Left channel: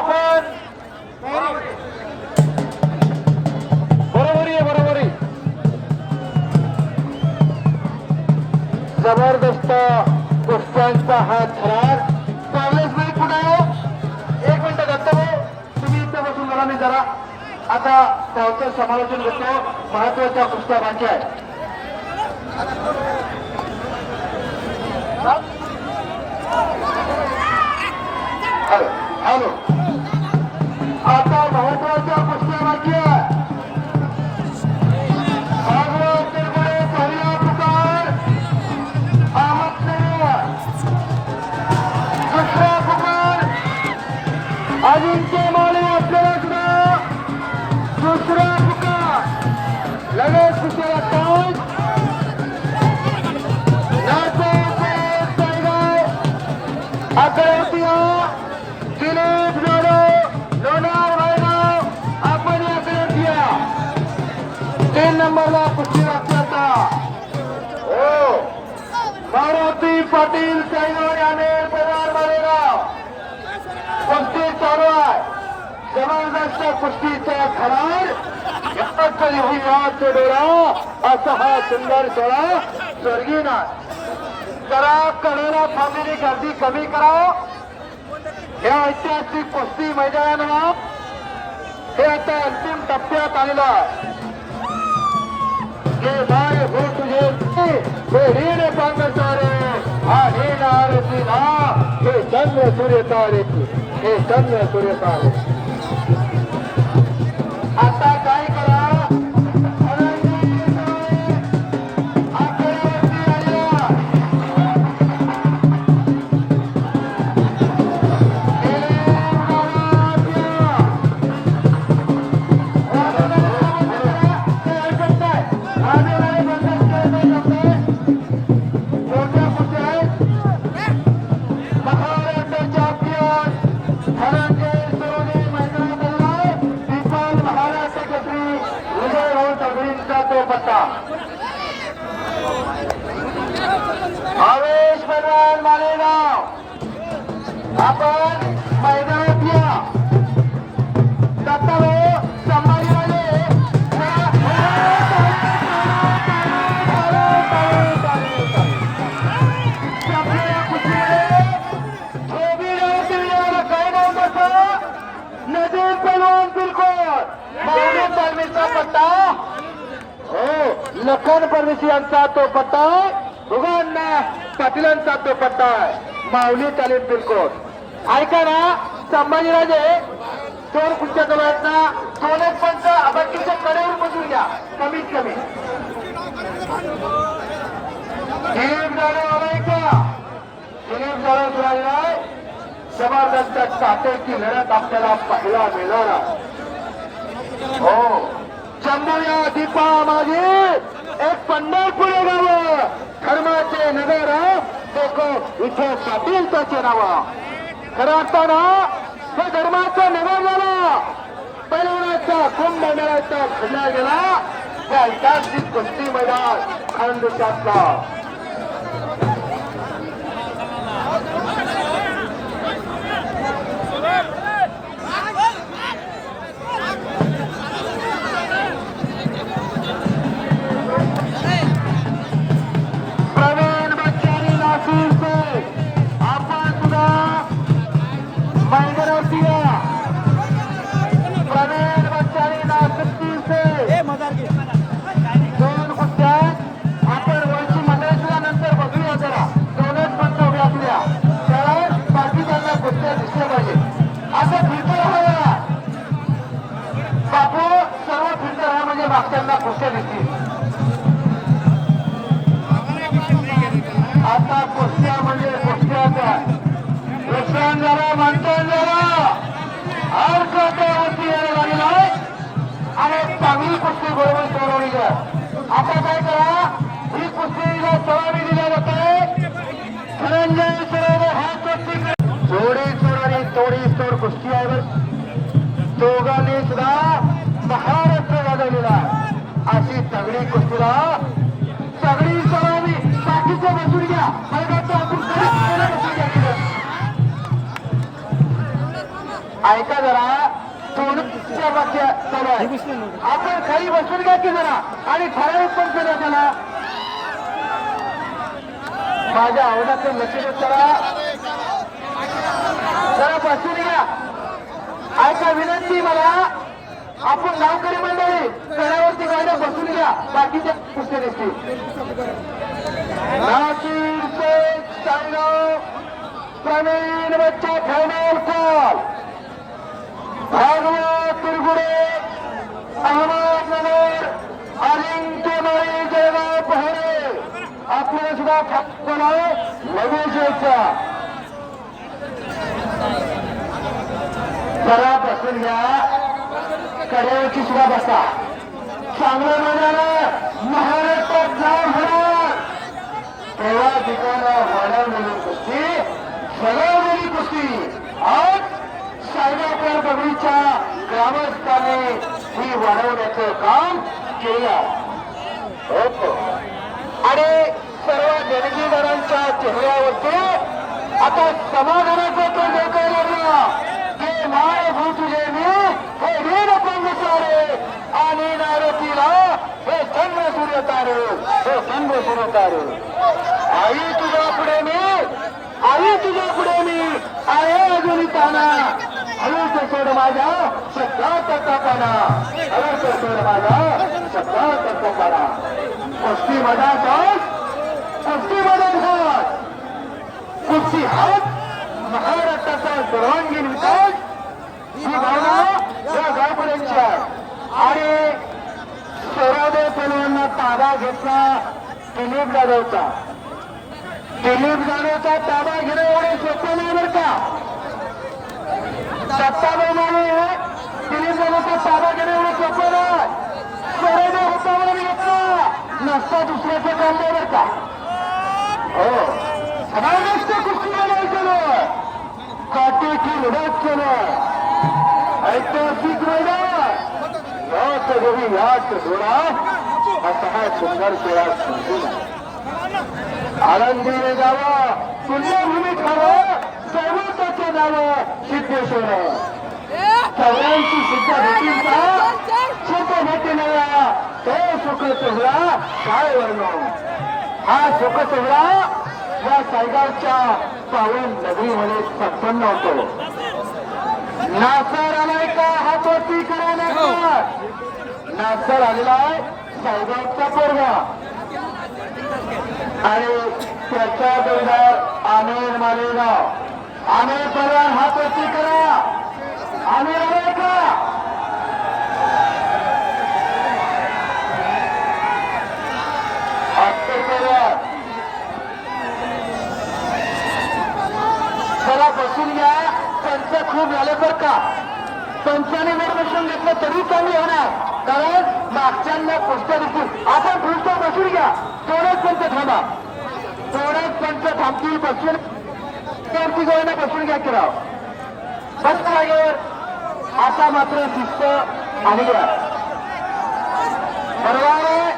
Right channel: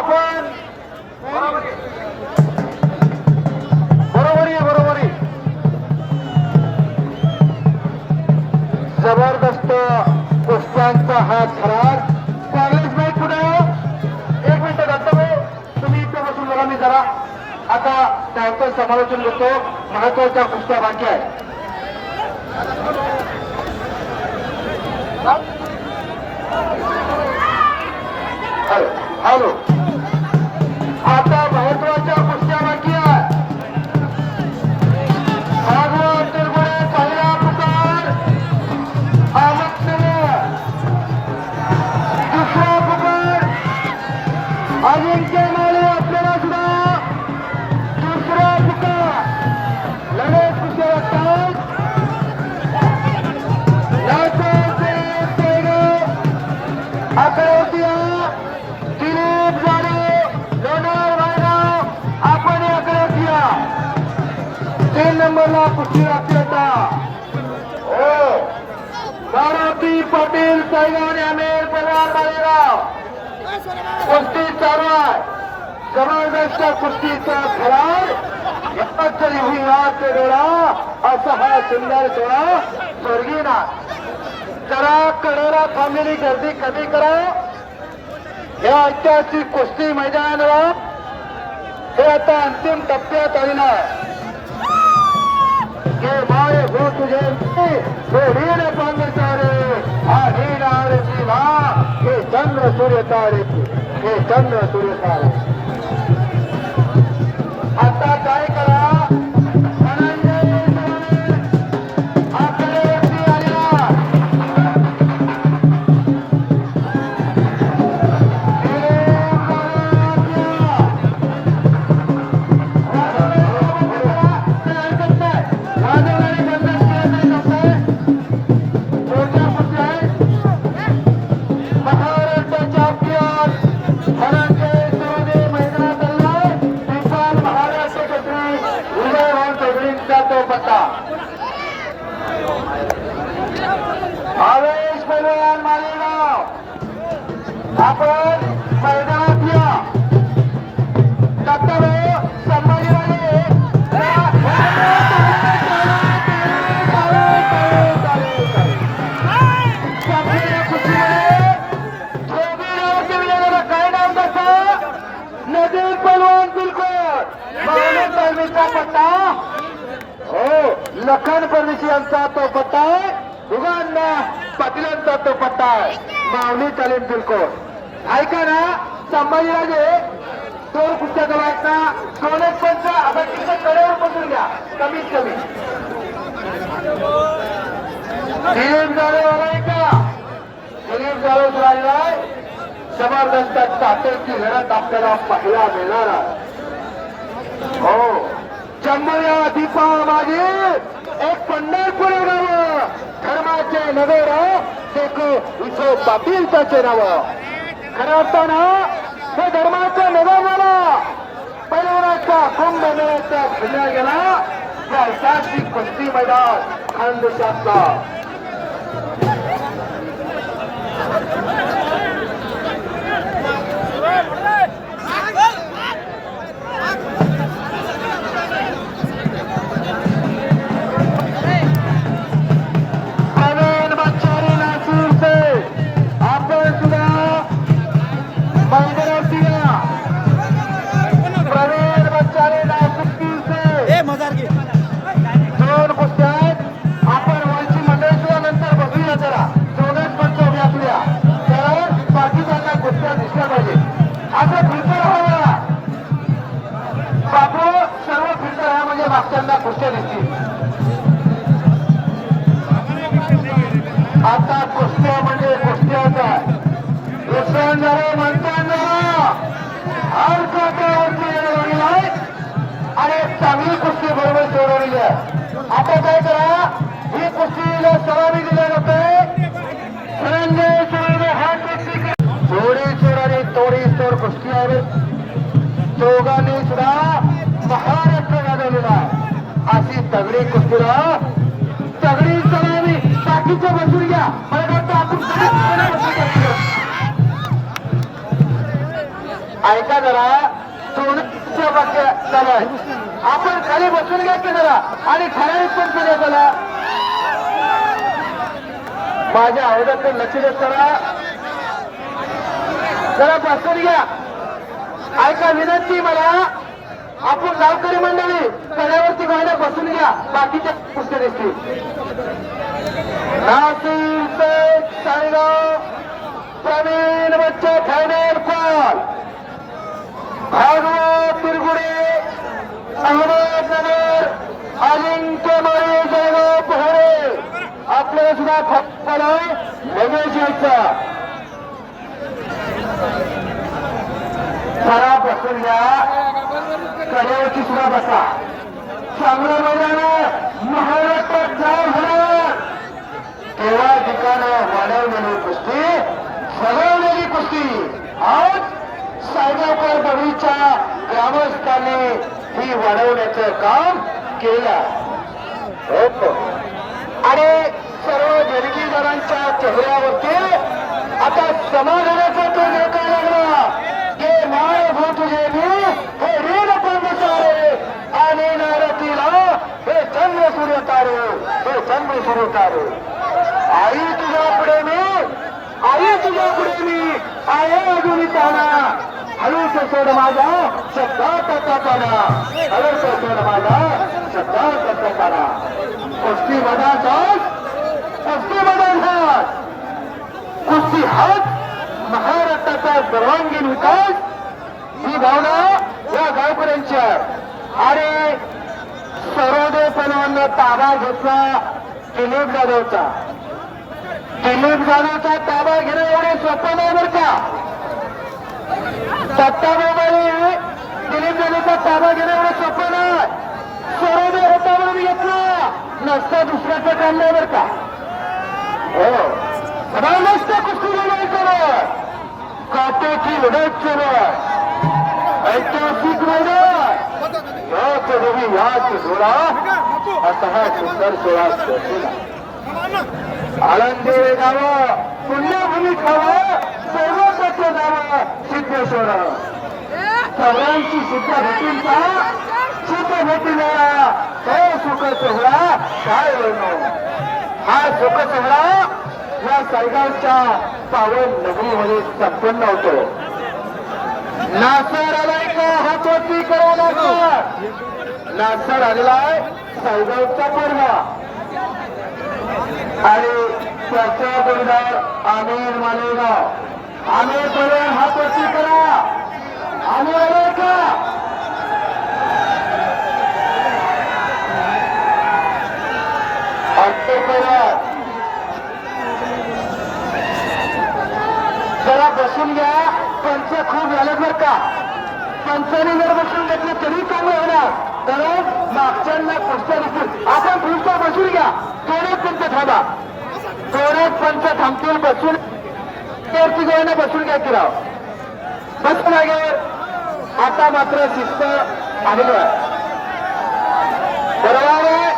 आपण बरोबरी आहे बरोबरी. जबरदस्त कुस्त्यांचा हा थरार. काँग्रेस नाही कुठे आहे हो? एक मिनिट दत्तभाऊ. तुम्ही इथं बसून बघा मी जरा. आता त्याचं समालोचन घेतो महत्त्वाच्या कुस्त्या बाकी आहे हॅलो. हॅलो नंबरला हो. मारुती पाटील सैलान याने पवार मालेगाव कुस्ती चालू आहे. जबरदस्त कुस्तीचा फरार. ही याचे डोळा. असा हा सुंदर सोहळा स्वर्गीय नाथ जरा कडाला थांबलेली गर्दी कमी करा. हे ऐतिहासिक कुस्ती मैदानावर. हे आता अंतिम टप्प्यात आलेला आहे. सूर्य तारे हे चंद्र सूर्य तारे आता काय करा मावळे पत्ता? हो लखन परदेशी यांचा तो पत्ता आहे. दोघांना पाटीलांचा तो पत्ता आहे. माऊली तालीम बिलकुल ऐका ना संभाजीराजे दोन कुठच्या गव्याचा दोन एक पंच अभट्टीच्या कडेवर बसून घ्या. कमीत कमी. दिलीप झालं हवे का दिलीप झालं राहिला जबरदस्त साखरची लढत आपल्याला पाहायला मिळणार आहे. हो. चंबया दीपा माझी एक पंढरपुरे गाव. धर्माचे नवे देखो विखे पाटील त्याचे नाव. खरं असताना हे धर्माचे नगर झालं पैलवण्याचा कुंभ मेळ्याचा खेळला गेला. या ऐतिहासिक कुस्ती मैदान? खानदेशातला. प्रोत्साहन झाला म्हणतान झाला हर यायला लागलेला आणि चांगली कुस्ती बरोबर सोडवलेली आहे. आता काय करा ही कुस्तीला सलामी दिल्या जाते. हा कुस्ती थोडी सोड आणि थोडी कुस्ती आहे. दोघांनी सुद्धा ऐका जरा. थोडं वाक्य चालू आहे आपण खाली बसून घ्यायचं जरा. आणि ठराविक पण केलं त्याला. माझ्या आवाजातून लक्ष देत जरा. बसून घ्या. ऐका विनंती मला. आपण गावकरी मंडळी कड्यावरती गाड्या बसून घ्या. बाकीच्या पुस्तक देखील नाशिक पेठ, सायगाव प्रवीण बच्चा खैडे कॉल भागवत तिरगुडे अहमदनगर अजिंक्य माळी जळगाव पहरे. आपल्याला सुद्धा फक्त नवीन शिवचा जरा बसून घ्या. कड्यावरची सुद्धा बसा. चांगलं महाराष्ट्रात जाम होणार तेव्हा ठिकाणं वाढवलेली कुस्ती ठरवलेली कुस्ती. आज सायबर बगरीच्या ग्रामस्थांनी ही वाढवण्याचं काम केलं. आणि सर्व देणगीदारांच्या चेहऱ्यावरती आता समाधानाचं ते देखायला लागला. हे माय भू तुझे मी हे ऋण कंद सारे आणि नारतीला हे चंद्र सूर्य तारे हे चंद्र सूर्य तारे आई तुझ्या पुढे मी आई तुझ्या पुढे मी आहे अजून ताना हळूच सोड माझा शब्दात ताना हळूच सोड माझा शब्दात ताना कुस्ती मधात कुस्ती मधात हात कुस्ती हात महाराष्ट्राचा सर्वांगीण विकास. ही भावना या गावकऱ्यांची आहे. आणि सरोदे पणांना ताबा घेतला दिलीप जाधवचा. दिलीप जाधवचा ताबा घेणं एवढं स्वप्न नाही बरं का? सत्तावन्नी दिलीप जाधवचा ताबा घेणं एवढं सोपं नाही. सरोदे होता म्हणून घेतला. नसतं दुसऱ्याचं काम नाही बरं का? हो. सदा नसते कुस्ती बनवायचं काटेची लढत सुरू ऐतिहासिक मैदान. याच देवी याच जोडा. असा हा सुंदर खेळा आनंदी गावं पुण्यभूमी खावं. सर्वोच्च गावं सिद्धेश्वर. सर्वांची सिद्ध भेटून का सुख भेटून काय सुख सोहळा काय वर्ण हा सुख सोहळा या सायगावच्या पावन नगरीमध्ये संपन्न होतो. नासर आलाय का? हातवरती करायला लागला नासर. आलेला आहे सायगावचा पोरगा आणि त्याच्या बरोबर आमिर मालेगाव आमिर परिवार हातवरती करा. आम्ही आलाय का जरा बसून घ्या. पंच खूप झालं बरं का. पंचाने जर बसून घेतलं तरी चांगलं होणार. कारण मागच्यांना पुस्तक बसून आपण पुस्तक बसून घ्या. थोडेच पंच थांबा. थोडेच पंच थांबतील बसून वरती गोळ्यांना बसून घ्या की राव. बसून लागेल आता मात्र शिस्त अनुभव आहे बरोबर आहे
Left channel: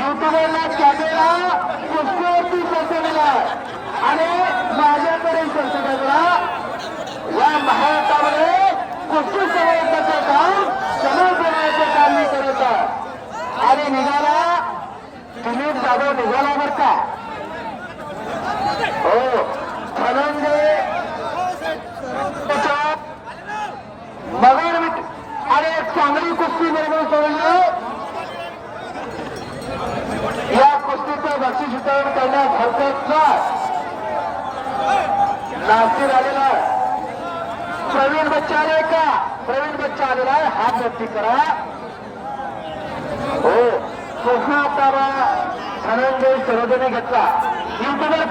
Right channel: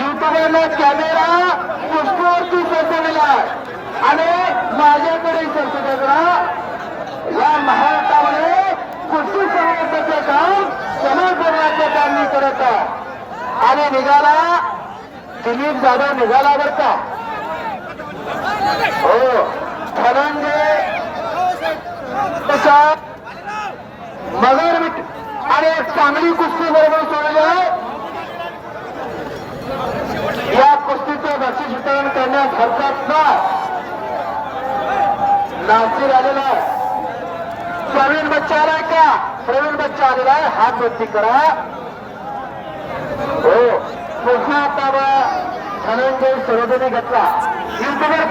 युट्यूबरला कॅमेरा पुष्पावरती सरसवलेला आणि माझ्याकडे सरकवलेला या महायुद्धामध्ये कुस्ती समाजाचं काम समर्पणाचं काम मी करत आणि निघाला. दिलीप जाधव निघाला बरं का? हो. धनंजय मगर आणि एक चांगली कुस्ती बरोबर सोडलं या कुस्तीचं बक्षीस वितरण करण्यास हरकत नागपूर आलेला आहे. प्रवीण बच्चा आलाय का? प्रवीण बच्चा आलेला आहे. हात वरती करा. हो. पुन्हा आता धनंजय सरोदने घेतला युट्यूबर